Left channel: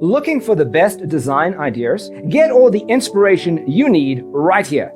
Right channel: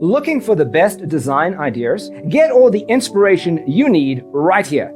Looking for the best design ideas? Get all the inspiration you need right here.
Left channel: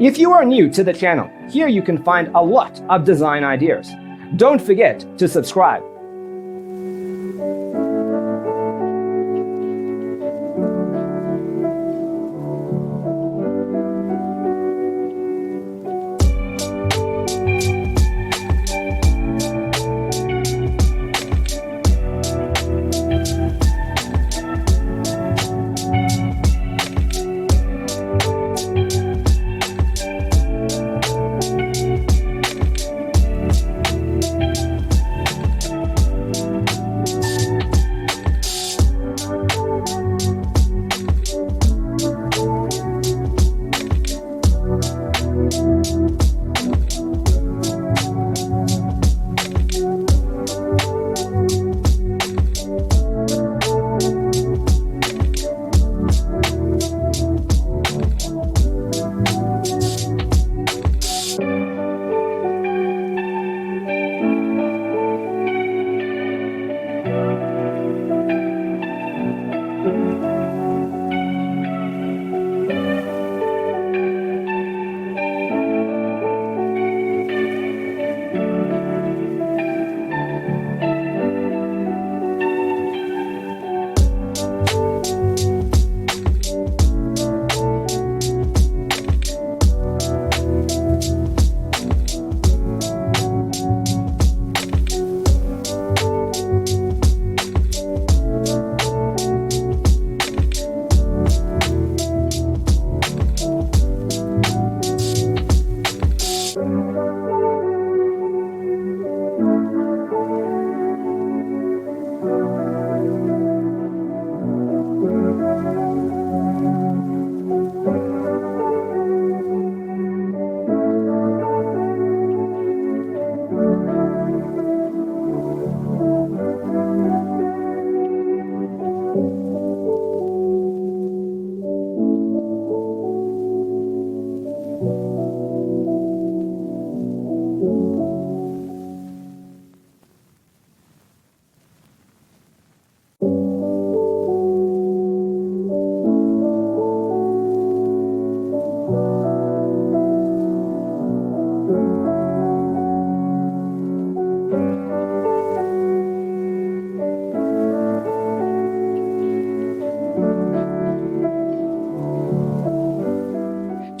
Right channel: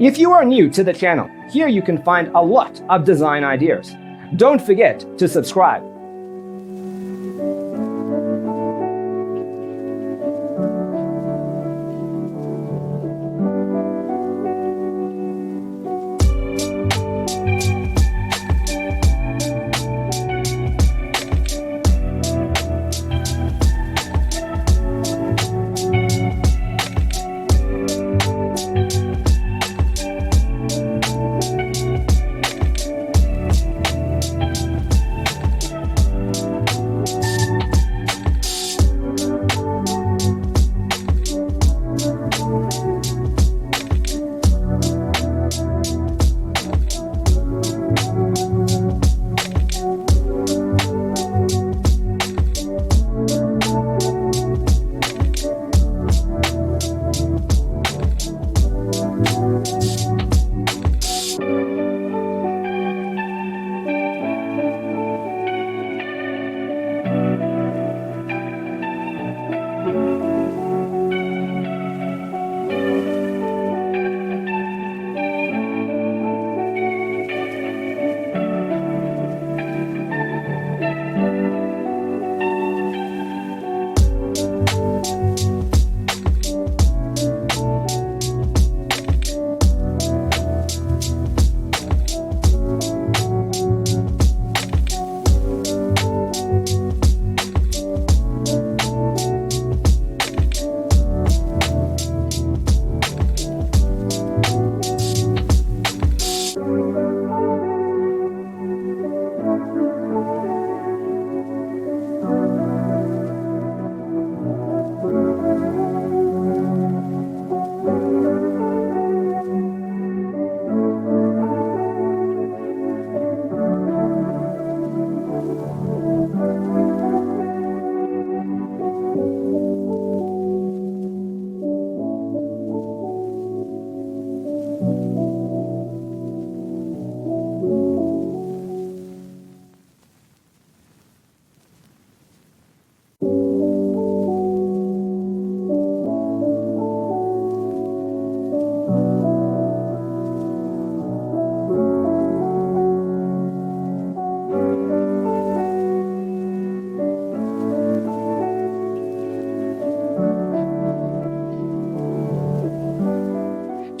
If you are new to the channel, here you can find a lot of design ideas. Don't forget to subscribe.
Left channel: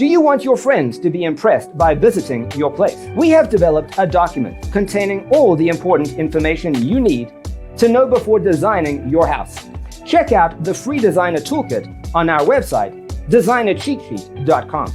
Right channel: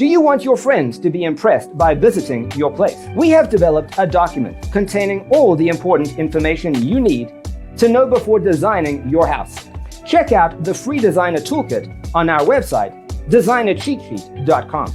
Do you want your friends to be impressed by visiting your place? We have developed a document containing all the important information you need to know before designing your house. Check out the free designer toolkit on our website, designercheatsheet.com.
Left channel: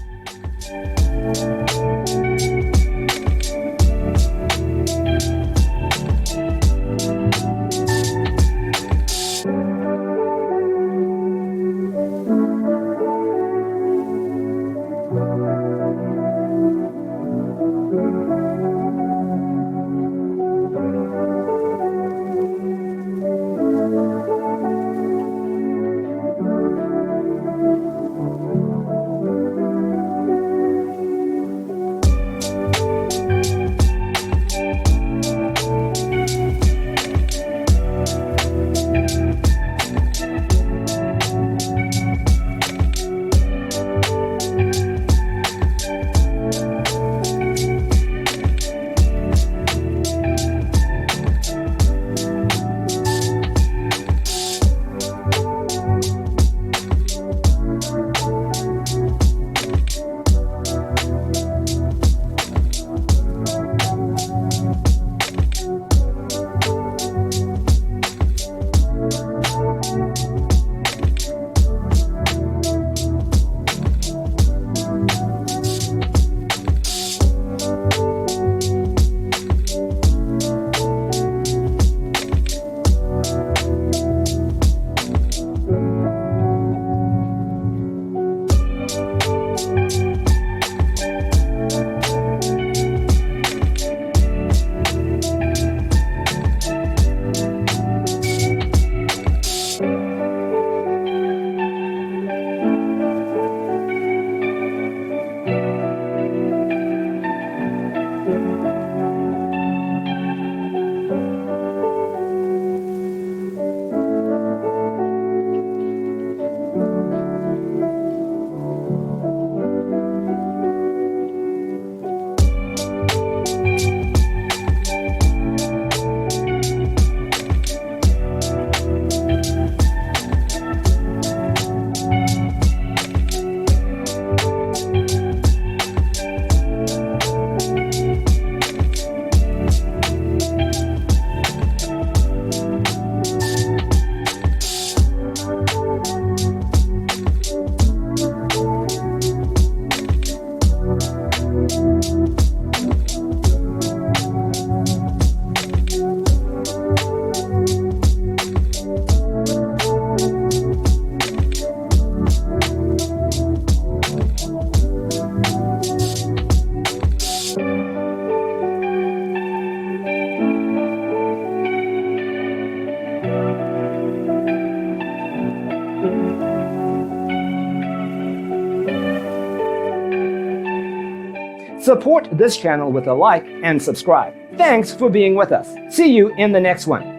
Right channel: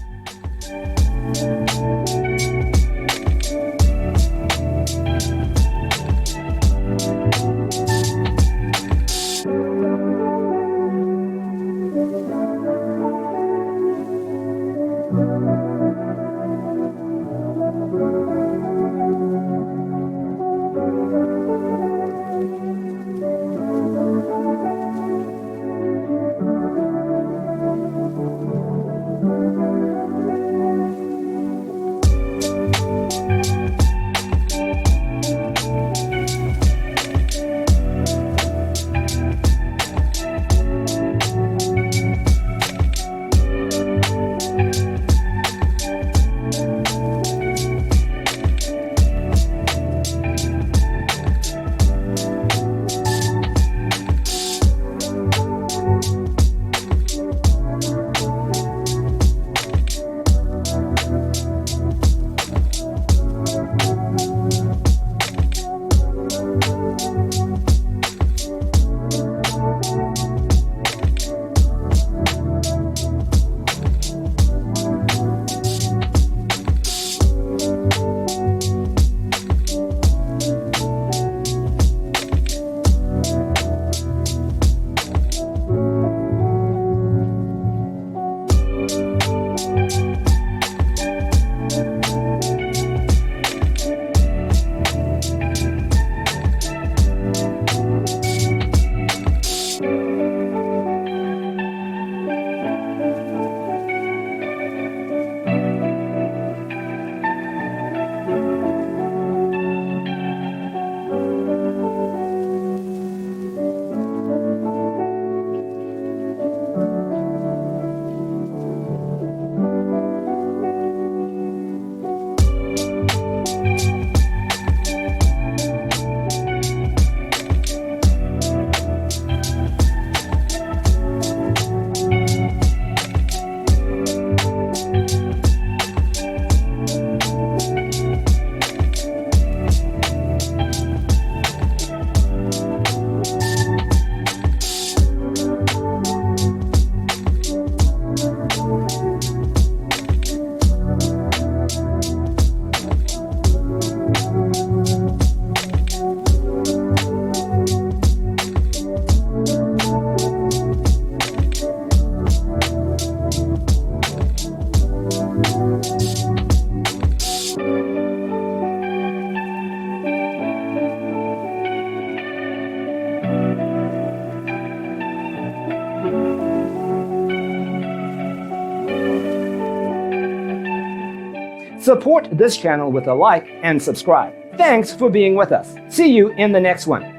Support this channel with a like and subscribe. Thanks for being with us. See you in the next one.